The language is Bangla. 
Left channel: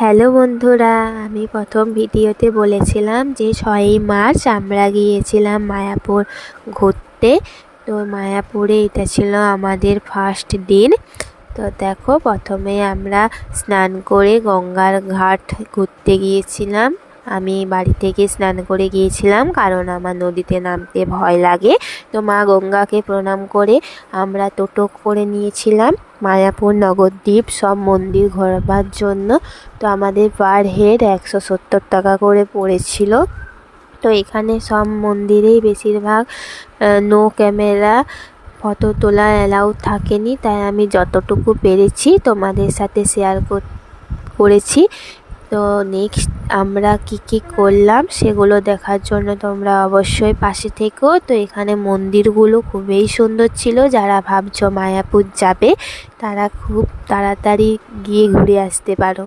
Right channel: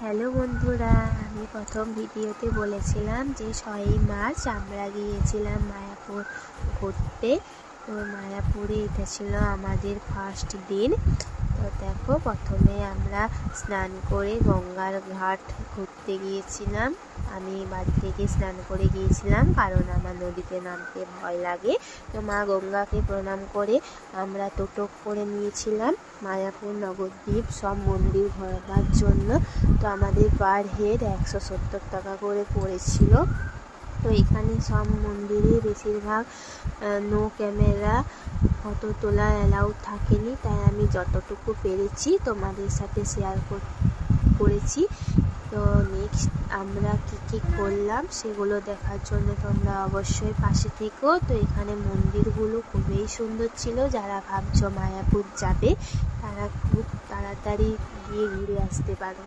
হ্যালো বন্ধুরা, আমি প্রথম ভিডিওতে বলেছিলাম যে 6ই মার্চ আমরা গিয়েছিলাম মায়াপুর ঘুরতে। তো মায়াপুরে এটা ছিল আমাদের ফার্স্ট দিন। তো দেখো, প্রথমে আমরা স্নান করে গঙ্গার ঘাট ঘুরতে গিয়েছিলাম। আমি বাড়ি থেকে স্নান করে গিয়েছিলাম, কারণ আমার নদীতে নামতে ভয় লাগে। তো মা গঙ্গাকে প্রণাম করে আমরা টোটো করে নিয়েছিলাম মায়াপুর নবদ্বীপ সব মন্দির ঘোরবার জন্য। তো আমাদের পার হেড 170 টাকা করে পড়েছিল। তো এখানে সব মন্দিরেই বেশিরভাগ নো ক্যামেরা ফটো তোলা অ্যালাউ থাকেনি, তাই আমি যতটুকু পেরেছি তোমাদের সাথে শেয়ার করেছি। তো নেক্সট আমরা কি করলাম সেগুলো দেখার জন্য তোমরা অবশ্যই পাশে থেকো। তো এখানে মন্দিরগুলো খুবই সুন্দর ছিল। যারা ভাবছো মায়াপুর যাবে তারা খুব তাড়াতাড়ি গিয়ে ঘুরে আসতে পারো।